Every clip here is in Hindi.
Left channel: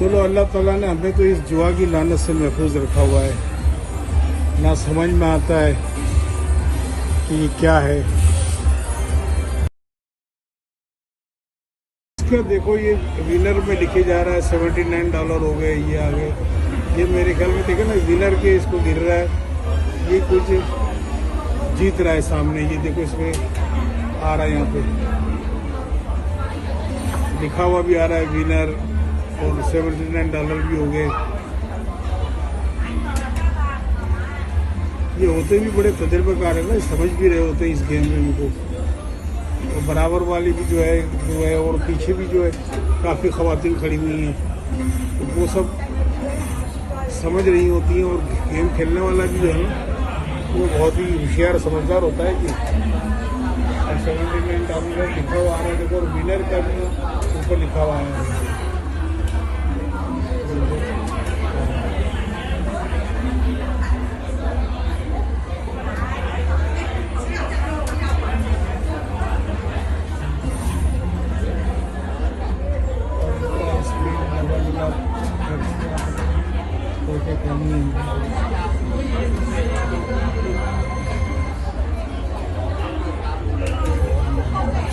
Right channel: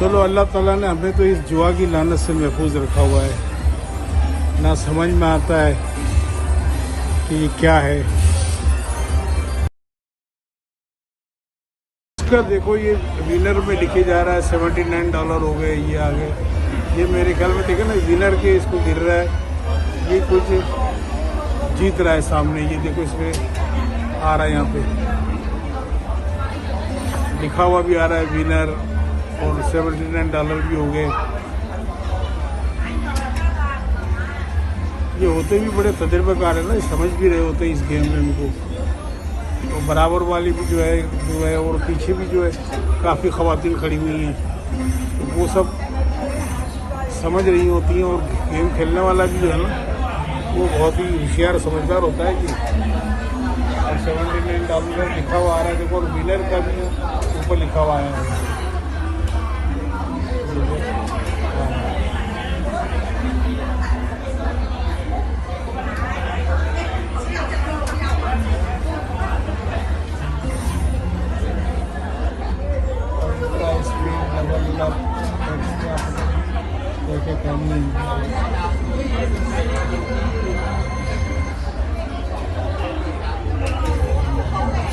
चलो अल्लाह ताला ने हमें तो इस जुआ की लानत से महफूज रखा हुआ है। ना समझ में आता है कि ये क्या है। इसका देखो ये विनर में लिखे जा रहा है $79 हो गए, ये आगे ये मेरे ख्याल में देखे ना विनर के इसको गिर रहा है, ये कुछ जीत रहा है सामने। ये देखो इसमें आ रहा है, यहाँ पे लिखा हुआ भी आ रहा है विनर और $79 भी हो गए। ये होते भी बड़े तजर्बाकार है ना, समझ भी रहे होते हैं इस गेम में उनको। तो बराबर वाली भी जो है और पीछे भी जो है काफी खवातीन खड़ी हुई हैं, तो वो सब समझ रही होती हैं। और गेम खेलने वाला भी जो है ना वो बहुत ही होशियार समझदार होता है कि $79 लिखा हुआ आ रहा है। देखो विनर का भी ऊपर लिखा हुआ है।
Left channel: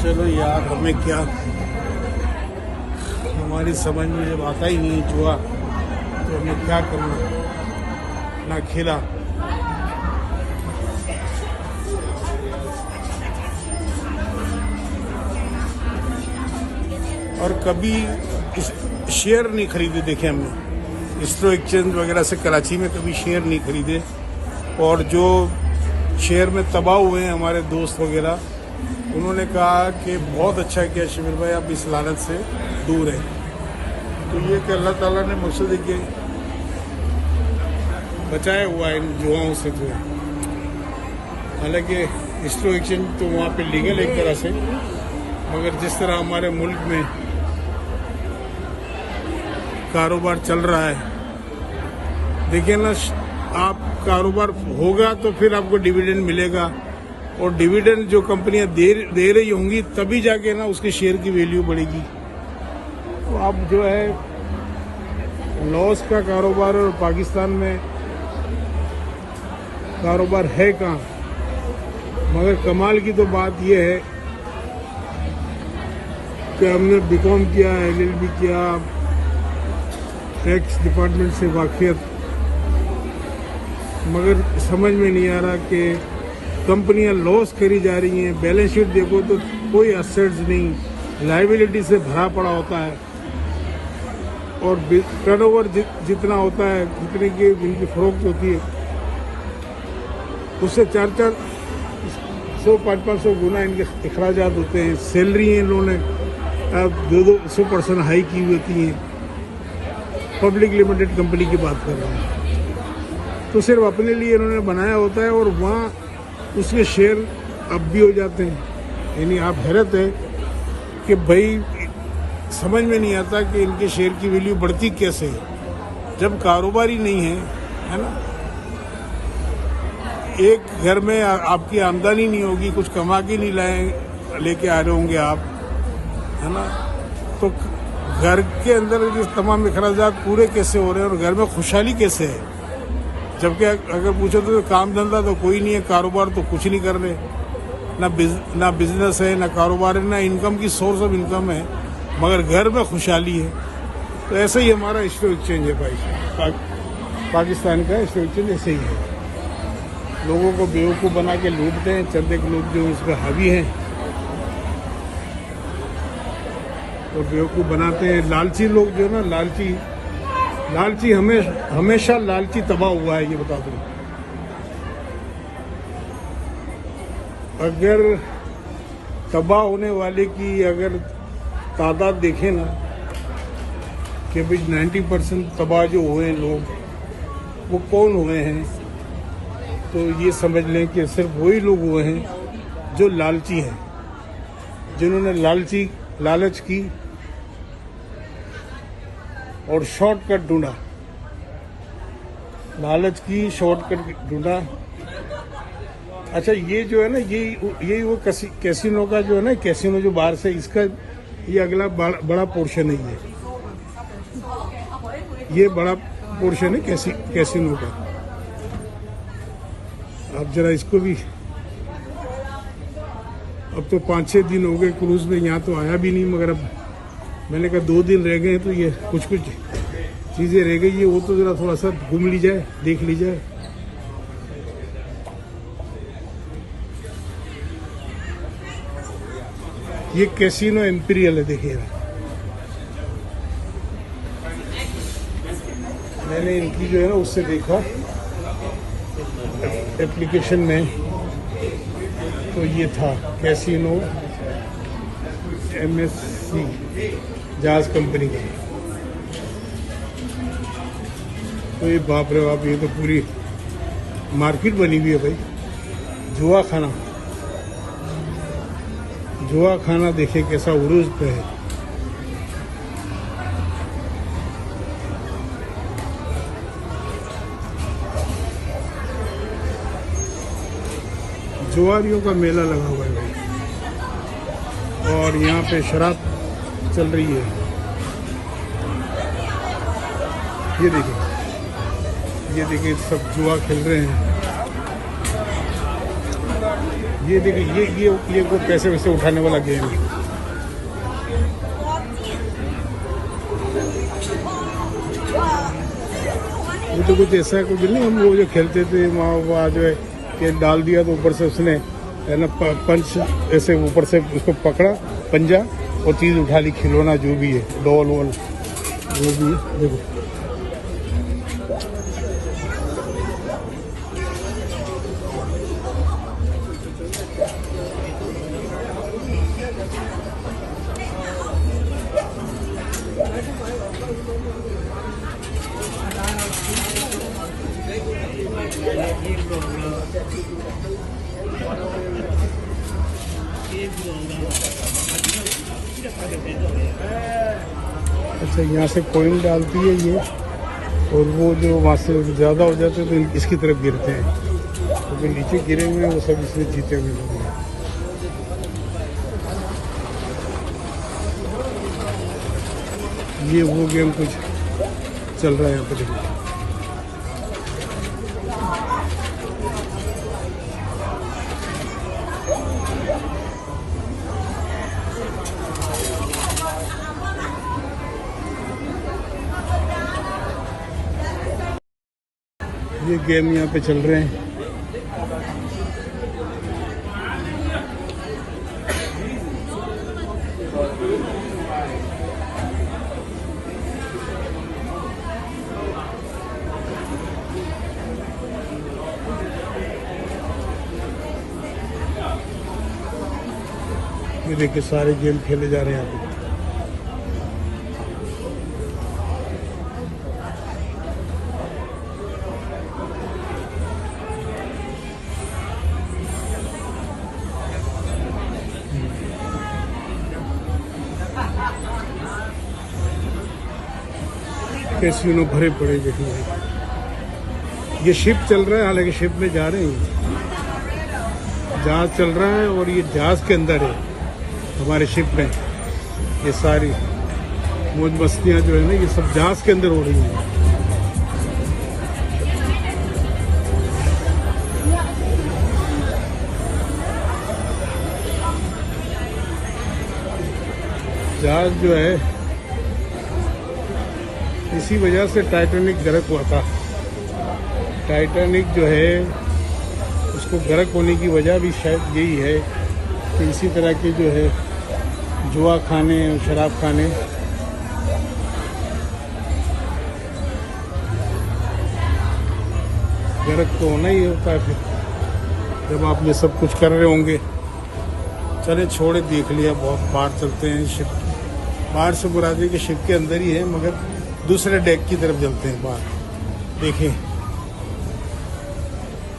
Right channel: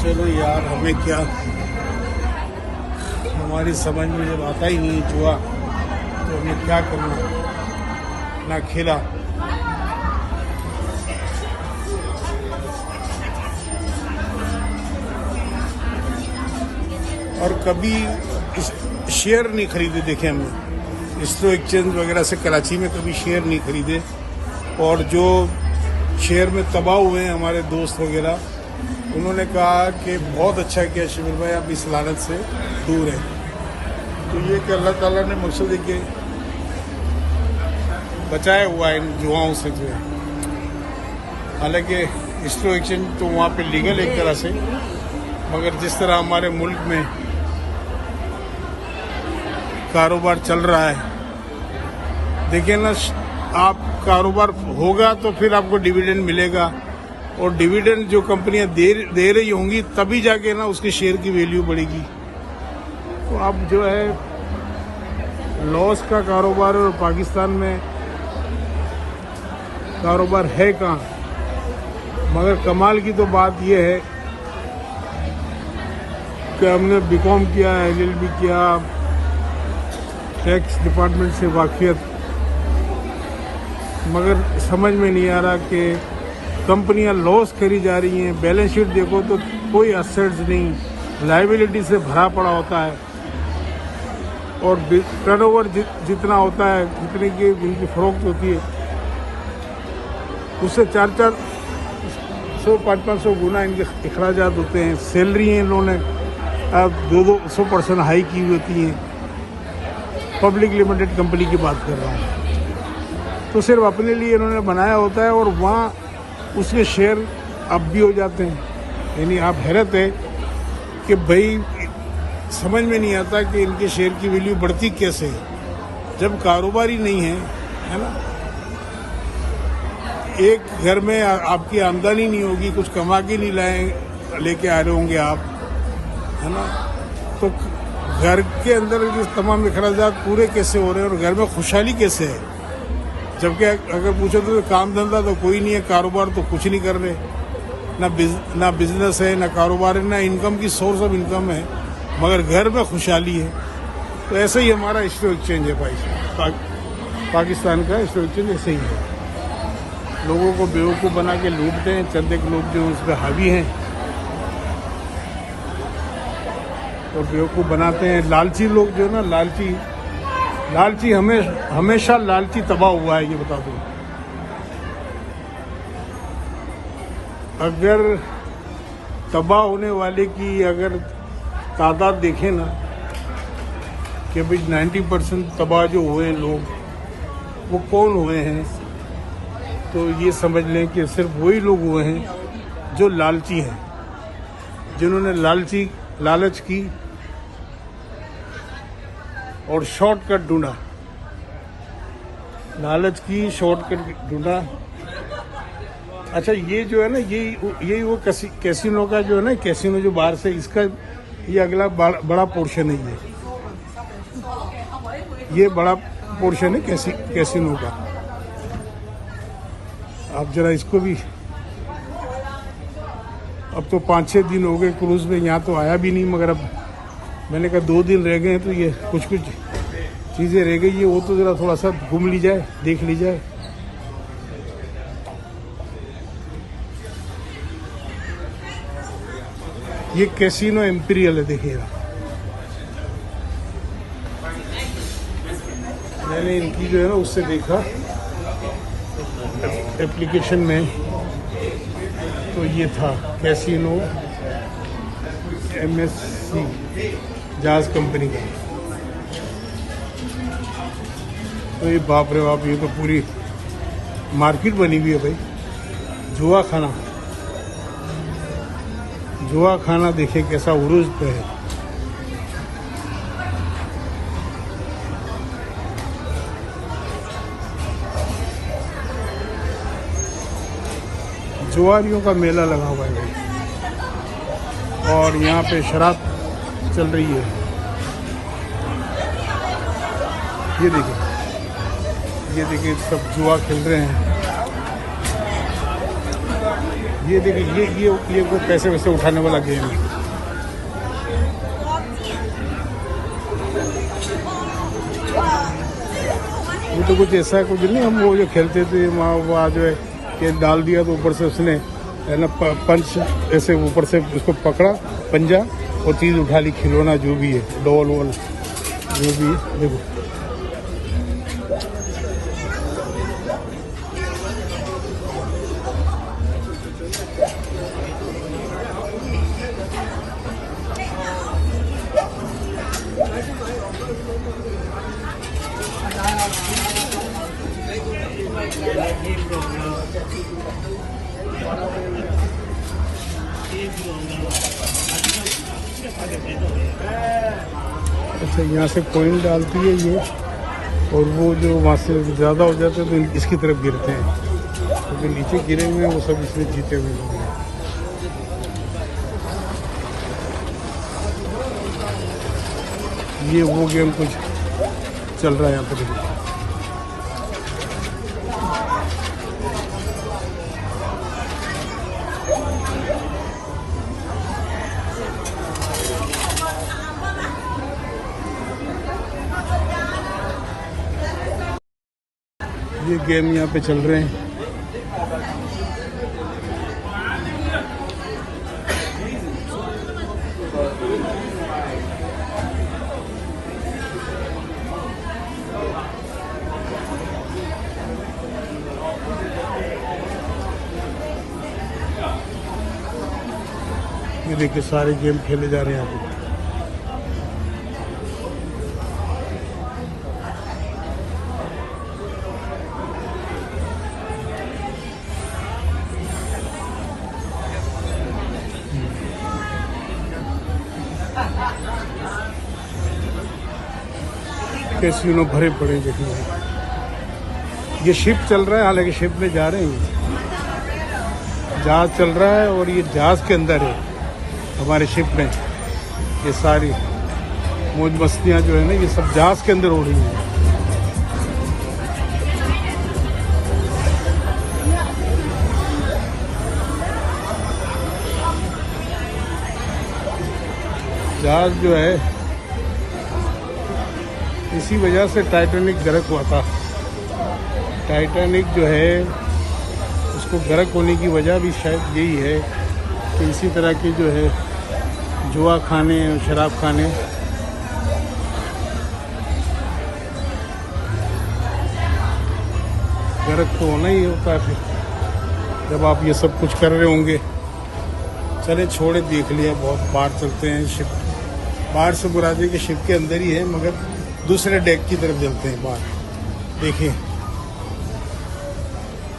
चलो यार, हमें क्या, हमारी समझ में जब आता ही नहीं जुआ तो हमें क्या करना, ना खेला। और कभी शेयर नहीं खरीदे, देखे हमने स्टॉक एक्सचेंज वगैरह से कराची में कभी शेयर नहीं खरीदे। और जो शेयर में तबाह हुए हैं हमारे दोस्त वगैरह, उन्होंने कहा कि बहुत अच्छा किया शिविर भाई, आप इस लानत से दूर हैं। तो ये कि अल्लाह ताला ने मकसद के बचाया हुआ है इन जुआओं से जो है। हालांकि स्टॉक एक्सचेंज तो वहाँ पे लीगल एक तरह से, मगर जिस तरह हमारे मुल्क में कारोबार चल रहा है, देखिए ना, आप कारोबार होगा तो फिर आपको डिविडेंड मिलेगा, और डिविडेंड जो कंपनियां दे रही होंगी तभी जाके ना उसके शेयर की वैल्यू बढ़ेगी। अब जो है लॉस का कारोबार, और पाकिस्तान में कारोबार है कहाँ। मगर कमाल की तो बात यह है कि हमने बीकॉम किया, LLB किया, टैक्स डिपार्टमेंट से वाकियत, मगर समझ में नहीं आ रहा कि कंपनियां लॉस करी जा रही हैं। बैलेंस शीट देखो तो कोई असेट्स नहीं, लायबिलिटी से भरा पड़ा होता है, और टर्नओवर जितना होता है जितने की इनकी फरोख्त होती है उससे 400-500 गुना इनके अखराजात होते हैं। सैलरी इन्होंने 200% हाई की होती हैं। पब्लिक लिमिटेड कंपनी की बात कर रहा हूँ, तो सिर्फ अपने लिए इन्होंने बनाया होता है, और वहाँ उसके शेयर अब भी हो जाते हैं। यानी आप हैरत है कि भाई समझ में नहीं आता कि इनके शेयर की वैल्यू बढ़ती कैसे है जब कारोबार ही नहीं है ना। एक घर में आपकी आमदनी नहीं होगी, कुछ कमा के नहीं लेके आ रहे होंगे आप, है ना, तो घर के अंदर जो तमाम अखराजात पूरे कैसे हो रहे हैं और घर में खुशहाली कैसे है। जबकि अगर पूछो तो काम धंधा तो कोई नहीं है, कारोबार तो कुछ नहीं कर रहे, ना बिजनेस है, ना कारोबार है, ना इनकम की सोर्स ऑफ इनकम है, मगर घर में खुशहाली है। तो ऐसे ही हमारा स्टॉक एक्सचेंज है भाई, पाकिस्तान का स्टॉक एक्सचेंज ऐसे ही है। लोगों को बेवकूफ़ बना के लूटते हैं, चंद एक लोग जो उस पर हावी हैं तो बेवकूफ़ बनाते हैं। लालची लोग जो ना, लालची हमेशा लालची तबाह हुआ है, ये बता दूं। अगर तबाह होने वाले की अगर तादाद देखें ना कि भाई 90% तबाह जो हुए लोग वो कौन हुए हैं, तो ये समझ लें कि सिर्फ वही लोग हुए हैं जो लालची हैं, जिन्होंने लालच की और शॉर्टकट ढूंढा, लालच की शॉर्टकट ढूंढा। अच्छा, ये जो है ना, ये वो कैसीनो का जो है ना, कैसीनो जो बाहर से, इसका ये अगला बड़ा पोर्शन है। ये बड़ा पोर्शन है कैसीनो का। आप जरा इसको भी, अब तो 5-6 दिन हो गए क्रूज में, यहाँ तो आया भी नहीं, मगर अब मैंने कहा 2 दिन रह गए हैं तो ये कुछ चीजें रह गई है, वो तो जरा थोड़ा सा घूम ली जाए, देख ली जाए। ये कैसीनो एम्पीरियल है, देखिएगा। मैंने इनकी जो है ना उससे देखा एप्लीकेशन में, तो ये था कैसीनो MSC जहाज कंपनी का। तो ये बाप रे बाप, ये तो पूरी मार्केट बनी हुई है भाई। जुआ खाना देखे कैसा उरुज पे है। जुआरियों का मेला लगा हुआ है और यहाँ पे शराब चल रही है। ये देखिए सब जुआ खेल रहे हैं। ये देखिए ये को पैसे वैसे उठाने वाला गेम है। ये तो कुछ ऐसा है कुछ नहीं, हम वो जो खेलते थे वहाँ जो है ये डाल दिया तो ऊपर से उसने है ना पंच ऐसे ऊपर से उसको पकड़ा पंजा और चीज उठा ली, खिलौना जो भी है, डॉल वॉल जो भी है। देखो अच्छा, यहाँ से कॉइन डालती है ये, और वो जो वहाँ से ज़्यादा हो जाते हैं तो इसकी तरफ गिरते हैं, क्योंकि नीचे गिरे हुए हैं वो सब इसमें जीते हुए हैं। ये वो गेम कुछ चल रहा है यहाँ पे, देखो। ये गेम यहाँ पे चल रहे हैं। ये देखिए सारे गेम खेले जा रहे हैं यहाँ पे। कैसीनो भरे पड़े देखिए। ये शिप चल रहा है, हालांकि शिप में जा रहे हैं, जहाज चल रहा है और ये जहाज के अंदर है हमारे शिप में। ये सारी मौज मस्तियां जो है ना ये सब जहाज के अंदर हो रही है। जहाज जो है इसी वजह से टाइटैनिक गर्क हुआ था। टाइटैनिक जो है उसको गर्क होने की वजह भी शायद यही है कि इसी तरह के जो है जुआ खाने और शराब खाने गर्क तो होना ही होता है फिर जब आप ये सब कुछ कर रहे होंगे। चले छोड़े, देख लिया बहुत। बाहर चलते हैं, शिप बाहर से बुरादी के शिप के अंदर ही है, मगर दूसरे डेक की तरफ चलते हैं बाहर। देखिए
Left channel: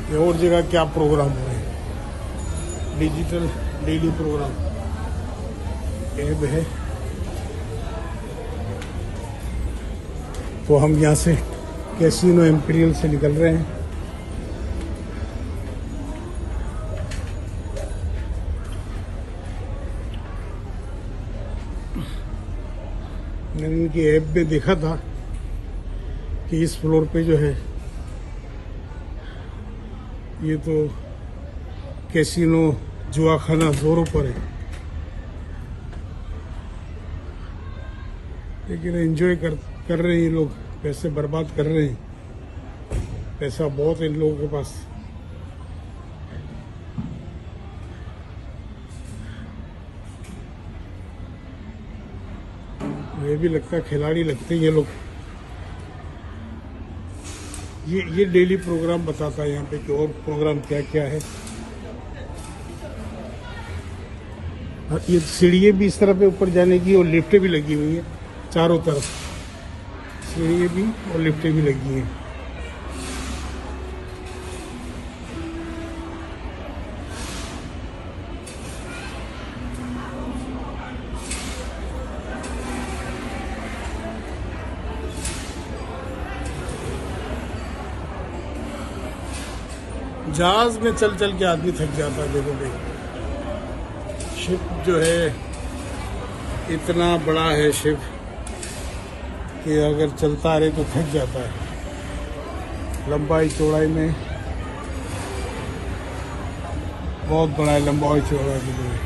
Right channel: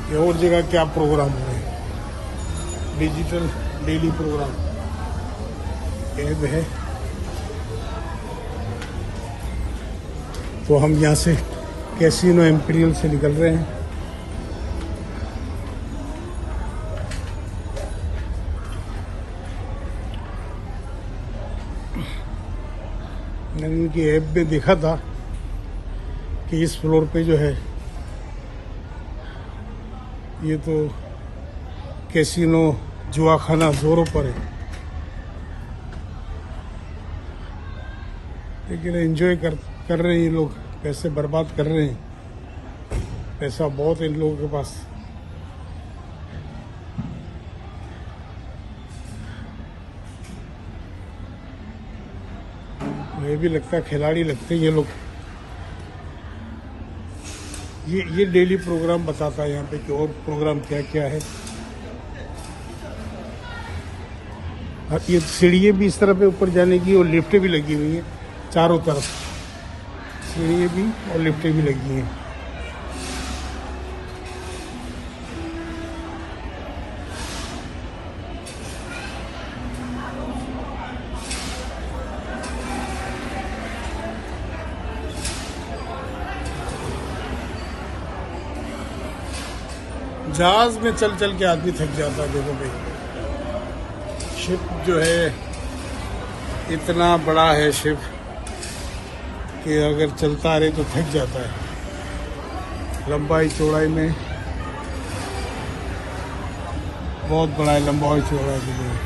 ये और जगह क्या प्रोग्राम हो रहे हैं, डिजिटल डेली प्रोग्राम ऐप है। तो हम यहाँ से कैसीनो एम्पीरियल से निकल रहे हैं। मैंने उनकी ऐप में देखा था कि इस फ्लोर पे जो है ये तो कैसीनो जुआखाना जोरों पर है, लेकिन एंजॉय कर रहे हैं ये लोग, पैसे बर्बाद कर रहे हैं। पैसा बहुत है इन लोगों के पास। मुझे भी लगता है खिलाड़ी लगते हैं ये लोग। ये डेली प्रोग्राम बताता है यहाँ पे कि और प्रोग्राम क्या क्या है। और ये सीढ़ियाँ भी इस तरफ है ऊपर जाने की, और लिफ्टें भी लगी हुई हैं चारों तरफ। सीढ़ियाँ भी और लिफ्टें भी लगी हैं। जहाज में चल चल के आदमी थक जाता है। देखो भाई, शिप जो है इतना बड़ा है शिप कि अगर चलता रहे तो थक जाता है। लंबाई चौड़ाई में बहुत बड़ा है, लंबाई चौड़ाई में।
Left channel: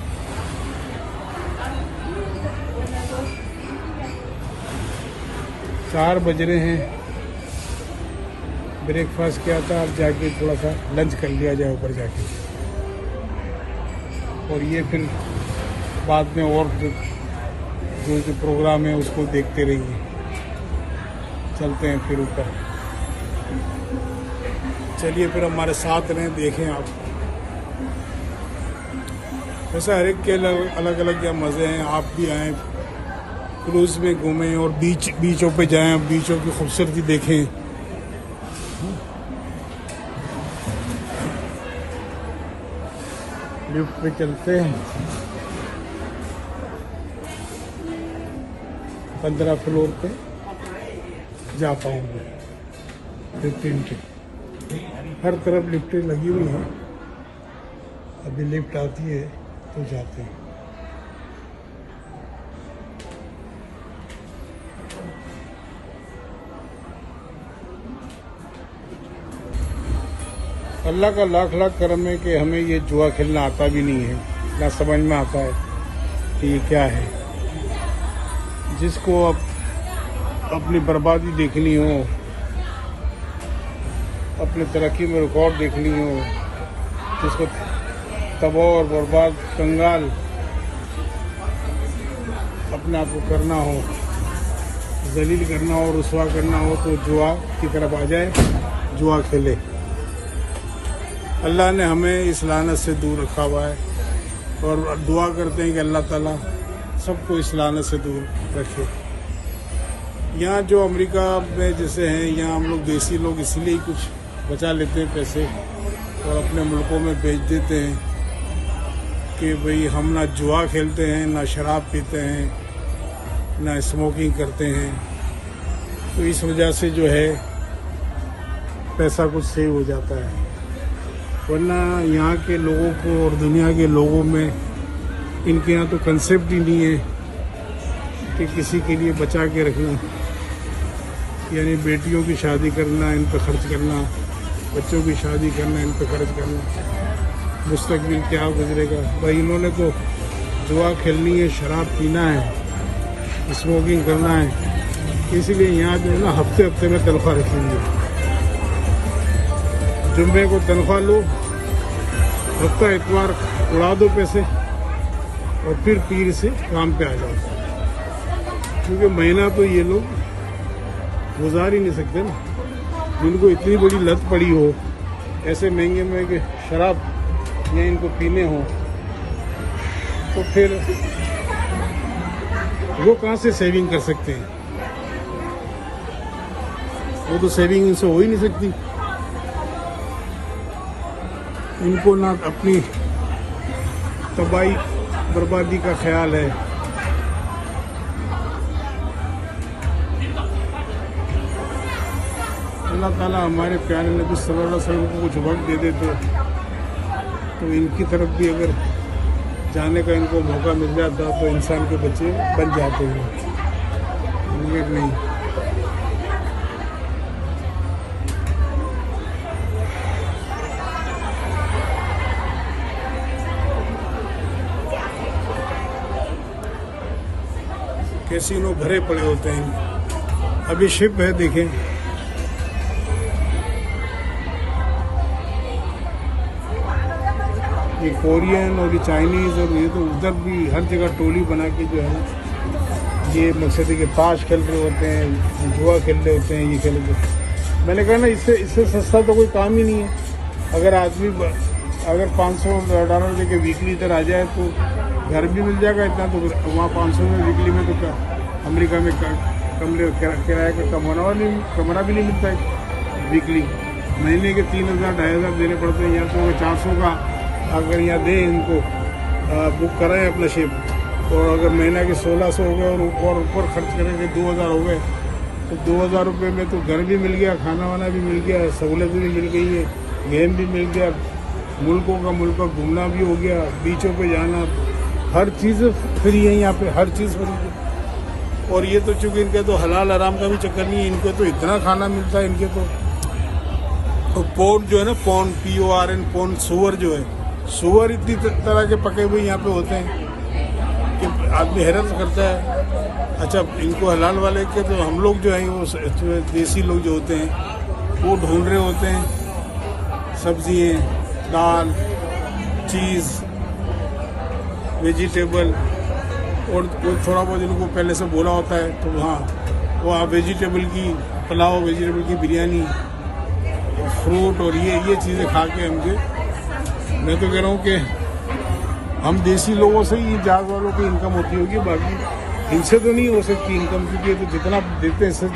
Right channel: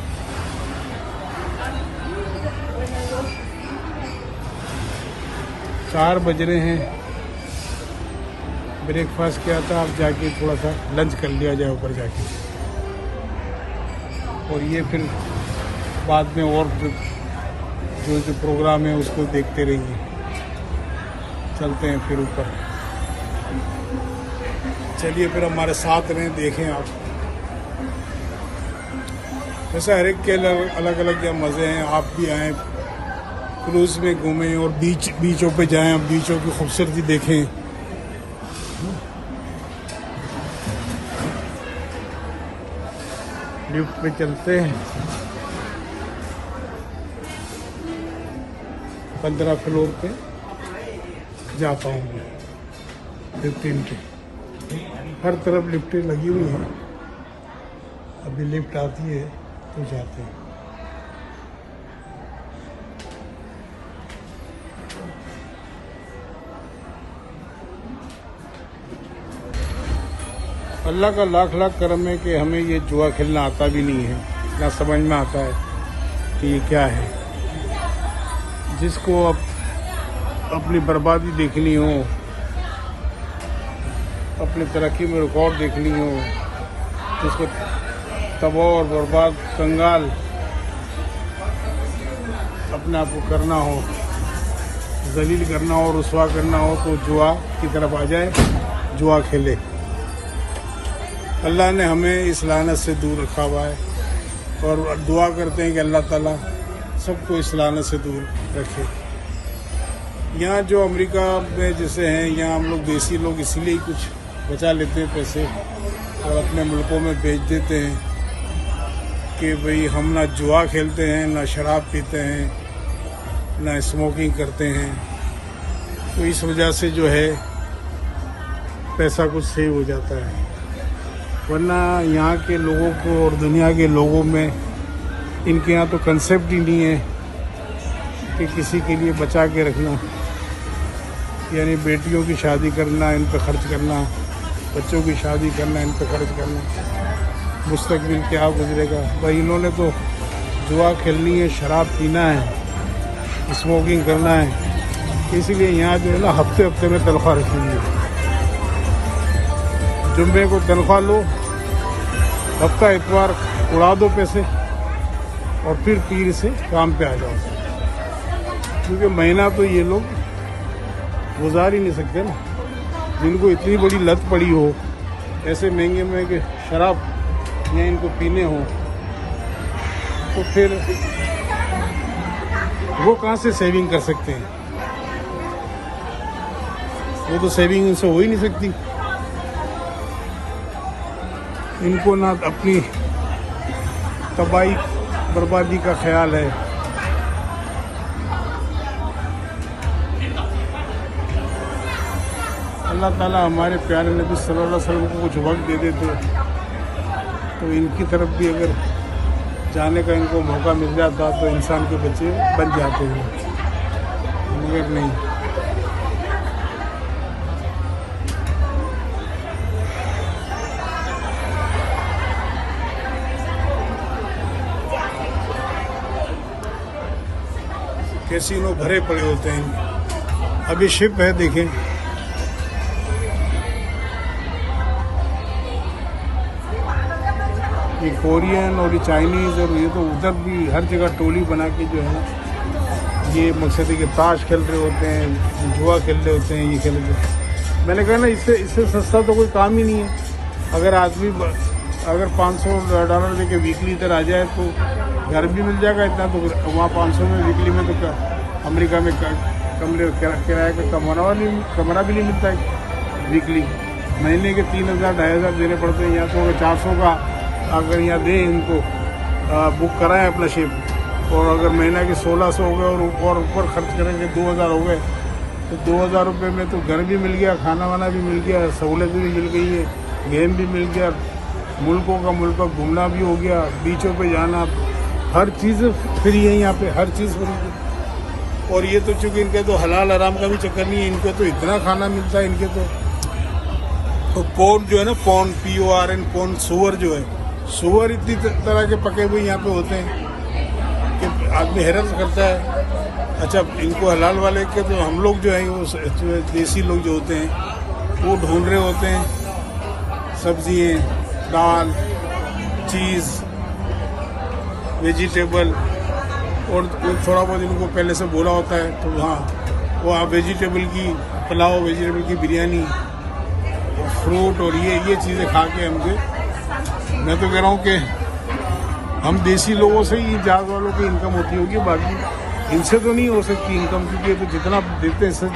4 बज रहे हैं, ब्रेकफास्ट किया था, अब जाके थोड़ा सा लंच कर लिया जाए ऊपर जाके, और ये फिर बाद में और जो प्रोग्राम है उसको देखते रहिए। चलते हैं फिर ऊपर। चलिए फिर हमारे साथ रहें, देखें आप। वैसे हर एक के अलग अलग या मज़े हैं। आप भी आएँ, क्रूज़ में घूमें और बीचों पे जाएं, बीचों की खूबसूरती देखें। लिफ्ट पे चलते हैं, 15 फ्लोर पे जाते हैं। लिफ्ट की हर तरफ लिफ्टें लगी हुई हैं। अभी लिफ्ट आती है तो जाते हैं। अल्लाह का लाख लाख करम है कि हमें ये जुआ खेलना आता भी नहीं है, ना समझ में आता है कि ये क्या है। जिसको अब अपनी बर्बादी देखनी हो, अपने तरक्की में रिकॉर्ड देखनी हो, जिसको तबाह और बर्बाद कंगाल अपने आप को करना हो, जलील करना हो, रुसवा करना हो, तो जुआ की तरफ आ जाए, जुआ खेले। अल्लाह ने हमें इस लानत से दूर रखा हुआ है, और दुआ करते हैं कि अल्लाह ताला सबको इस लानत से दूर रखे। यहाँ जो अमेरिका में जैसे हैं, यहाँ हम लोग देसी लोग इसीलिए कुछ बचा लेते हैं पैसे और अपने मुल्कों में बेच देते हैं कि भाई हम ना जुआ खेलते हैं, ना शराब पीते हैं, ना स्मोकिंग करते हैं। तो इस वजह से जो है पैसा कुछ सेव हो जाता है। वरना यहाँ के लोगों को और दुनिया के लोगों में, इनके यहाँ तो कंसेप्ट ही नहीं है कि किसी के लिए बचा के रखना, यानी बेटियों की शादी करना, इन पर खर्च करना, बच्चों की शादी करना, इन पर खर्च करना, मुस्तकबिल क्या गुजरेगा। भाई इन्होंने तो जुआ खेलनी है, शराब पीना है, स्मोकिंग करना है। इसीलिए यहाँ जो है ना हफ्ते हफ्ते में तनख्वाह रखी हुई है। जुम्मे को तनख्वाह लो, हफ्ता इतवार उड़ा दो पैसे, और फिर पीर से शाम पे आ जाओ। क्योंकि महीना तो ये लोग गुजार ही नहीं सकते ना। जिनको इतनी बड़ी लत पड़ी हो, ऐसे महंगे महंगे शराब या इनको पीने हो, तो फिर वो कहाँ से सेविंग कर सकते हैं? वो तो सेविंग इनसे हो ही नहीं सकती। इनको ना अपनी तबाही बर्बादी का ख्याल है। अल्लाह ताला हमारे प्यारे नबी सल्लल्लाहु अलैहि वसल्लम को कुछ वक्त दे देते तो इनकी तरफ भी अगर जाने का इनको मौका मिल जाता तो इंसान के बच्चे बच जाते हैं, मगर नहीं। कैसीनो भरे पड़े होते हैं। अभी शिप है, देखें ये कोरियन और ये चाइनीज और ये तो उधर भी हर जगह टोली बना के जो है ना, ये मकसद है कि ताश खेल रहे होते हैं, जुआ खेल रहे होते हैं, ये खेल रहे होते हैं। मैंने कहा ना, इससे सस्ता तो कोई काम ही नहीं है। अगर आदमी अगर $500 लेके वीकली इधर आ जाए तो घर भी मिल जाएगा इतना, तो वहाँ 500 में वीकली में तो अमेरिका में कमरे किराए का कमरा भी नहीं मिलता है वीकली। महीने के 3,000 2,500 देने पड़ते हैं। यहाँ तो अगर 400 का अगर यहाँ दे इनको बुक कराएं अपना शिप, और अगर महीना के 1,600 हो गए और ऊपर खर्च करेंगे 2,000 हो गए, तो 2,000 रुपये में तो घर भी मिल गया, खाना वाना भी मिल गया, सहूलत भी मिल गई है, गेम भी मिल गया, मुल्क का घूमना भी हो गया, बीचों पे जाना, हर चीज़ फ्री है यहाँ पे, हर चीज़ फ्री है। और ये तो चूंकि इनके तो हलाल आराम का भी चक्कर नहीं है, इनके तो इतना खाना मिलता है इनके तो पोर्क जो है ना, PORN पोर्क, सुअर जो है, सुअर इतनी तरह के पके हुए यहाँ पे होते हैं कि आदमी हैरत करता है। अच्छा, इनको हलाल वाले के तो हम लोग जो है वो देसी लोग जो होते हैं वो ढूंढ रहे होते हैं सब्जियाँ, दाल, चीज़, वेजिटेबल, और थोड़ा बहुत इनको पहले से बोला होता है तो वहाँ वेजिटेबल की पुलाव, वेजिटेबल की बिरयानी, फ्रूट और ये चीज़ें खा के हमसे, मैं तो कह रहा हूँ कि इन देसी लोगों से ही जात वालों की इनकम होती होगी, बाकी इनसे तो नहीं हो सकती इनकम, क्योंकि तो जितना देते हैं इससे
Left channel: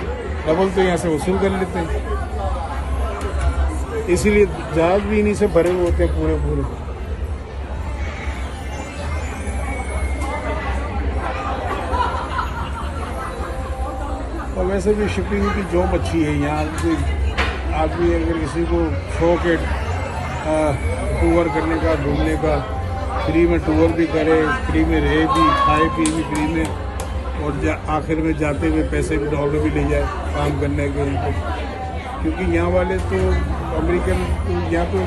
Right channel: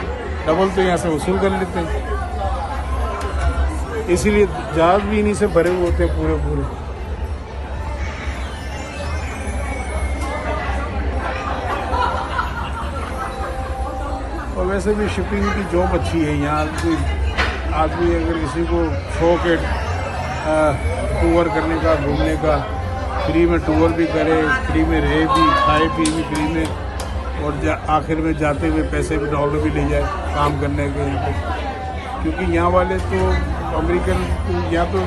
डबल तो यहाँ से वसूल कर लेते हैं। इसीलिए जहाज भी इन्हीं से भरे होते हैं पूरे। तो वैसे भी शिपिंग की जॉब अच्छी है यहाँ से। आदमी अगर किसी को शौक है टूर करने का, घूमने का, फ्री में टूर भी करे, फ्री में रहे भी, खाए पी भी फ्री में, और आखिर में जाते हुए पैसे भी डॉलर भी ले जाए काम करने के यहाँ पे। क्योंकि यहाँ वाले तो अमेरिकन, यहाँ तो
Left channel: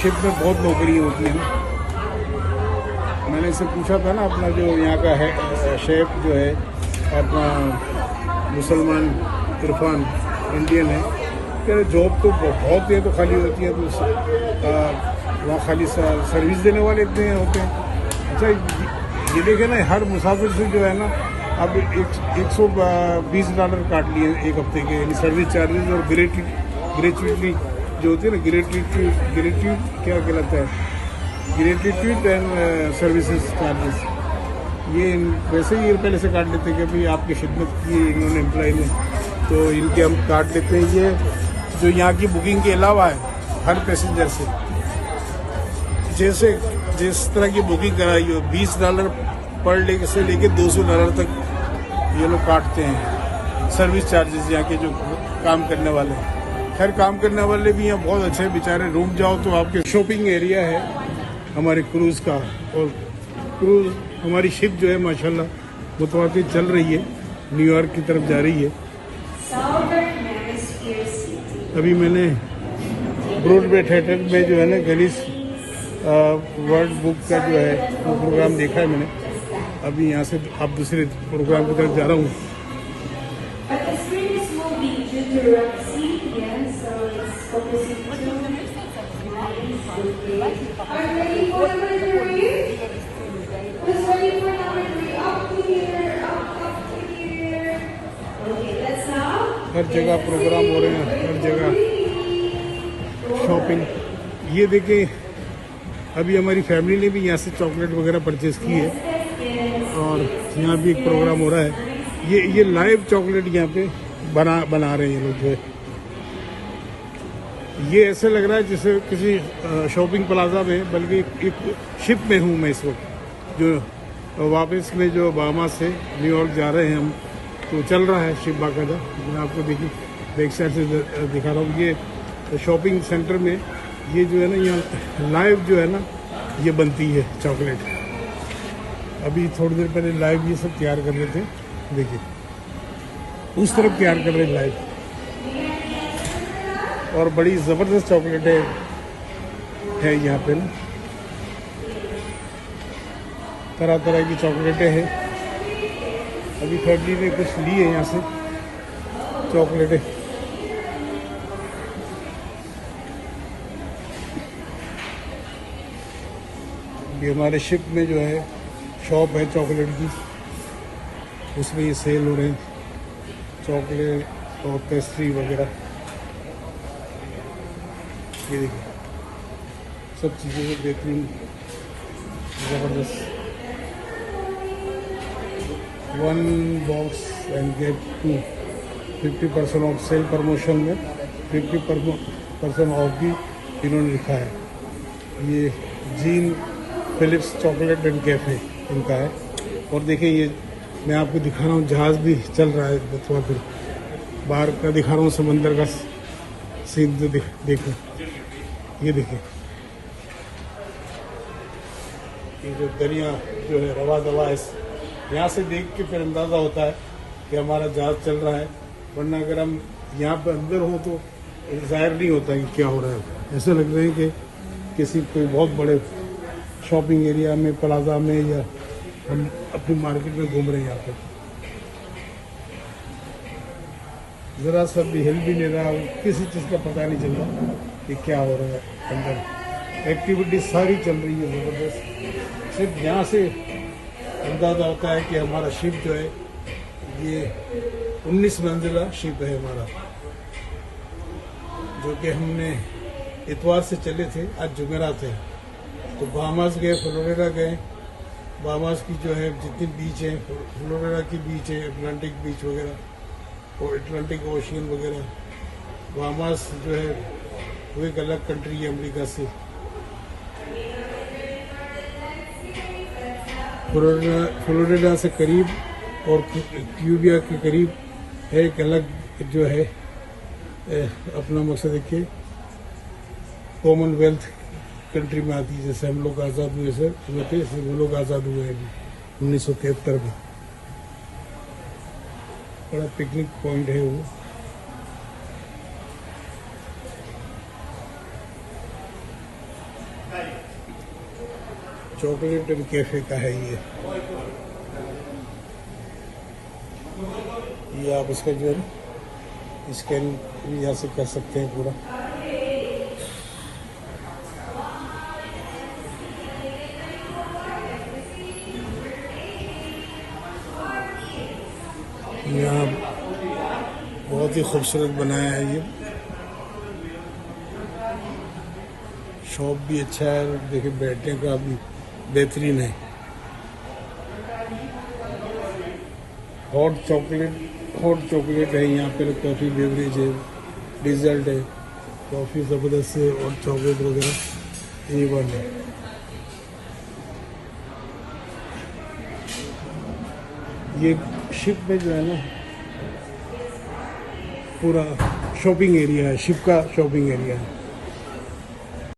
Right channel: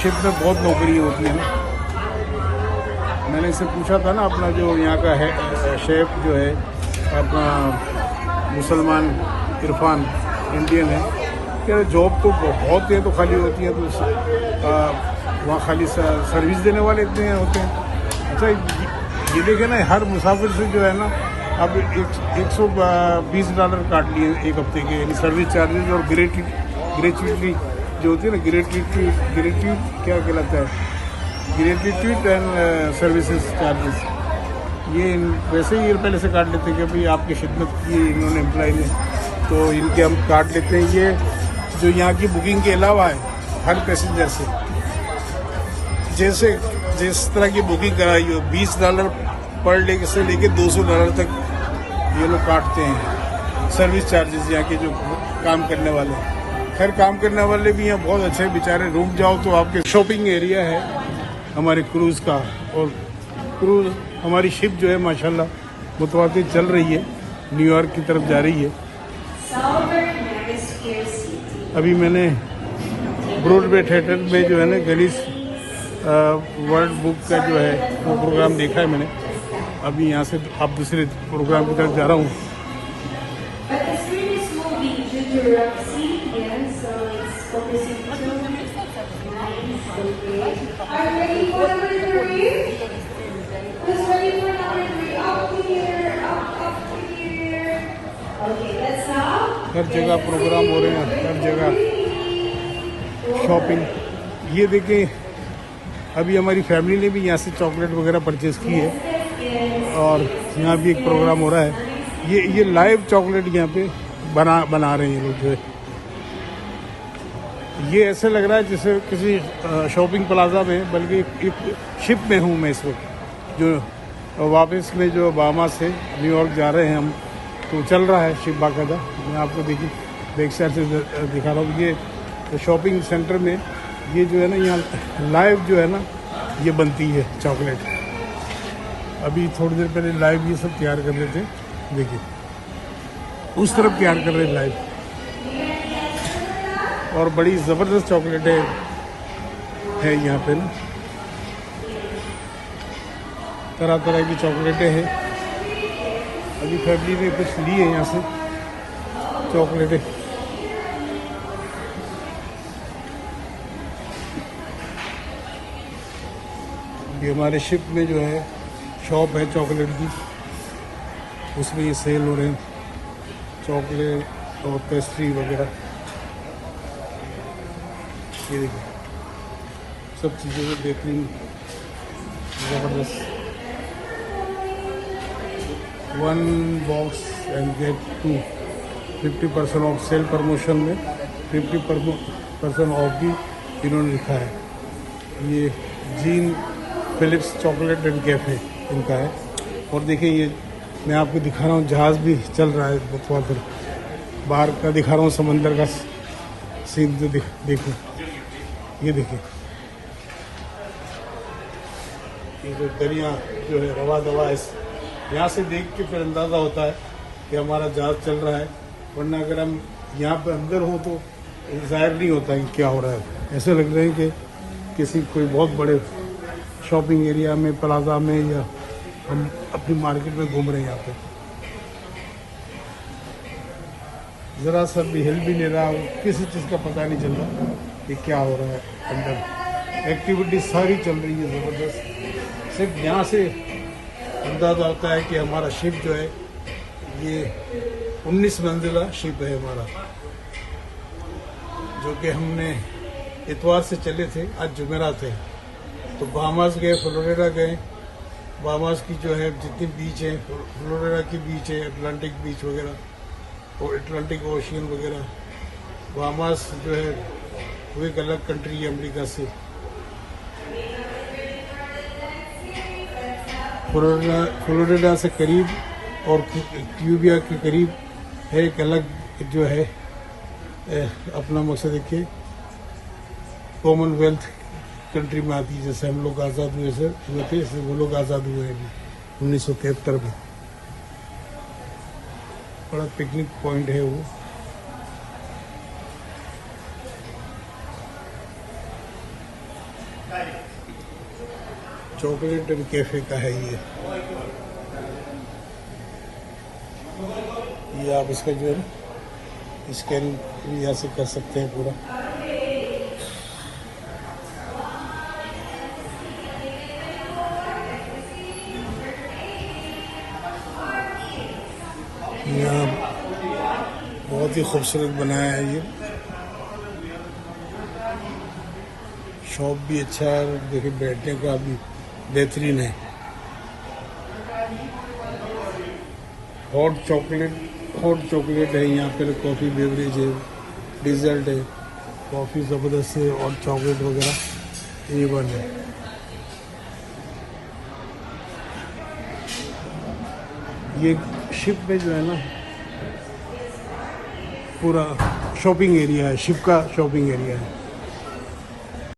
शिप में बहुत नौकरियाँ होती हैं। मैंने इससे पूछा था ना, अपना जो यहाँ का है शेफ जो है अपना मुसलमान इरफान, इंडियन है, क्या जॉब तो बहुत है, तो खाली होती है, तो वहाँ खाली सर्विस देने वाले इतने होते हैं। अच्छा, ये देखे ना, हर मुसाफिर से जो है ना अब $120 काट लिए एक हफ्ते के सर्विस चार्जेस, और ग्रेचुइटली जो होती है ना, ग्रेट्यूट क्या कहलाता है, ग्रेट्यूट एंड सर्विसेज चार्जेस, ये वैसे ही पहले से काट लेते हैं कि अभी आपकी खिदमत की इन्होंने एम्प्लॉय ने, तो इनके हम काट लेते हैं। ये जो यहाँ की बुकिंग के अलावा है, हर पैसेंजर से जिस तरह की बुकिंग कराई हो, $20 पर डे से लेके $200 तक ये लोग काटते हैं सर्विस चार्जेस, यहाँ के जो काम करने वाले। खैर, काम करने वाले भी यहाँ बहुत अच्छे बेचारे। रूम जाओ तो आपके शॉपिंग एरिया है हमारे क्रूज़ का, और क्रूज़ हमारी शिप जो है माशाल्लाह मुतवातिर चल रही है, न्यूयॉर्क की तरफ जा रही है। अभी मैंने ब्रॉडवे थिएटर में जो है ना गिनीज वर्ल्ड बुक का जो है वो प्रोग्राम देखा है मैंने। अभी यहाँ से अब दूसरे प्रोग्राम की तरफ जा रहा हूँ। हर जगह प्रोग्राम हो रहे हैं, हर जगह शॉपिंग। ये देखिए, अभी हमारी फैमिली ने भी यहाँ से चॉकलेट वगैरह परचेज की है, और यहाँ भी एक प्रोग्राम हो रहा है। ये लाइव चॉकलेट यहाँ पे बना रहे हैं लोग जो है। ये ऐसे लग रहा है जैसे किसी शॉपिंग प्लाजा में, बल्कि एक शिप में हूँ मैं इस वक्त, जो वापस में जो बामा से न्यूयॉर्क जा रहे हैं हम, तो चल रहा है शिप बाकायदा। मैं आपको देख साइड से दिखा रहा हूँ। ये शॉपिंग सेंटर में ये जो है ना, यहाँ लाइव जो है ना ये बनती है चॉकलेट। अभी थोड़ी देर पहले लाइव ये सब तैयार कर रहे थे, देखिए उस तरफ तैयार कर रहे हैं लाइव, और बड़ी ज़बरदस्त चॉकलेटें है यहाँ पे ना, तरह तरह की चॉकलेटें हैं। अभी फैमिली ने कुछ ली है यहाँ से चॉकलेटें। ये हमारे शिप में जो है शॉप है चॉकलेट की, उसमें ये सेल हो रहे हैं चॉकलेट और पेस्ट्री वगैरह। ये देखिए सब चीज़ों में बेहतरीन ज़बरदस्त। 1 box and get 2 50% off sale promotion में 50% ऑफ भी इन्होंने लिखा है। ये Jean Philips chocolate and cafe इनका है। और देखिए ये मैं आपको दिखा रहा हूँ जहाज भी चल रहा है, थोड़ा फिर बाहर का दिखा रहा हूँ समंदर का सीन जो देखो ये देखिए ये जो दरिया जो है रवा दवा है, यहाँ से देख के फिर अंदाजा होता है कि हमारा जहाज चल रहा है, वरना अगर हम यहाँ पे अंदर हो तो जाहिर नहीं होता कि क्या हो रहा है। ऐसा लग रहा है कि किसी कोई बहुत बड़े शॉपिंग एरिया में प्लाजा में या हम अपनी मार्केट में घूम रहे हैं। यहाँ पे जरा सा भी हिल भी नहीं रहा, किसी चीज़ का पता नहीं चल रहा कि क्या हो रहा है अंदर। एक्टिविटी सारी चल रही है ज़बरदस्त। सिर्फ यहाँ से अंदाजा आता है कि हमारा शिप जो है ये 19 मंजिला शिप है हमारा, जो कि हमने इतवार से चले थे, आज जुमेरात है। तो बाहामास गए, फ्लोरिडा गए। बाहामास की जो है जितनी बीच है, फ्लोरिडा की बीच है, अटलांटिक बीच वगैरह और अटलांटिक ओशियन वगैरह। बाहामास जो है वो एक अलग कंट्री है अमेरिका से। फ्लोरिडा से करीब और क्यूबिया के करीब है एक अलग जो है अपना मकसद देखिए कॉमनवेल्थ कंट्री में आती है। जैसे हम लोग आज़ाद हुए थे, जैसे वो लोग आज़ाद हुए हैं अभी 1973 में। बड़ा पिकनिक पॉइंट है वो। चॉकलेट एंड कैफे का है ये आप इसका जो है स्कैन यहाँ से कर सकते हैं पूरा। यहाँ बहुत ही खूबसूरत बनाया है ये शॉप भी अच्छा है। देखिए बैठने का भी बेहतरीन है। हॉट चॉकलेट है यहाँ पर, कॉफ़ी बेवरेज है, डिजर्ट है, कॉफ़ी ज़बरदस्त है और चॉकलेट वगैरह ये बन है। ये शिप में जो है ना पूरा शॉपिंग एरिया है, शिप का शॉपिंग एरिया है।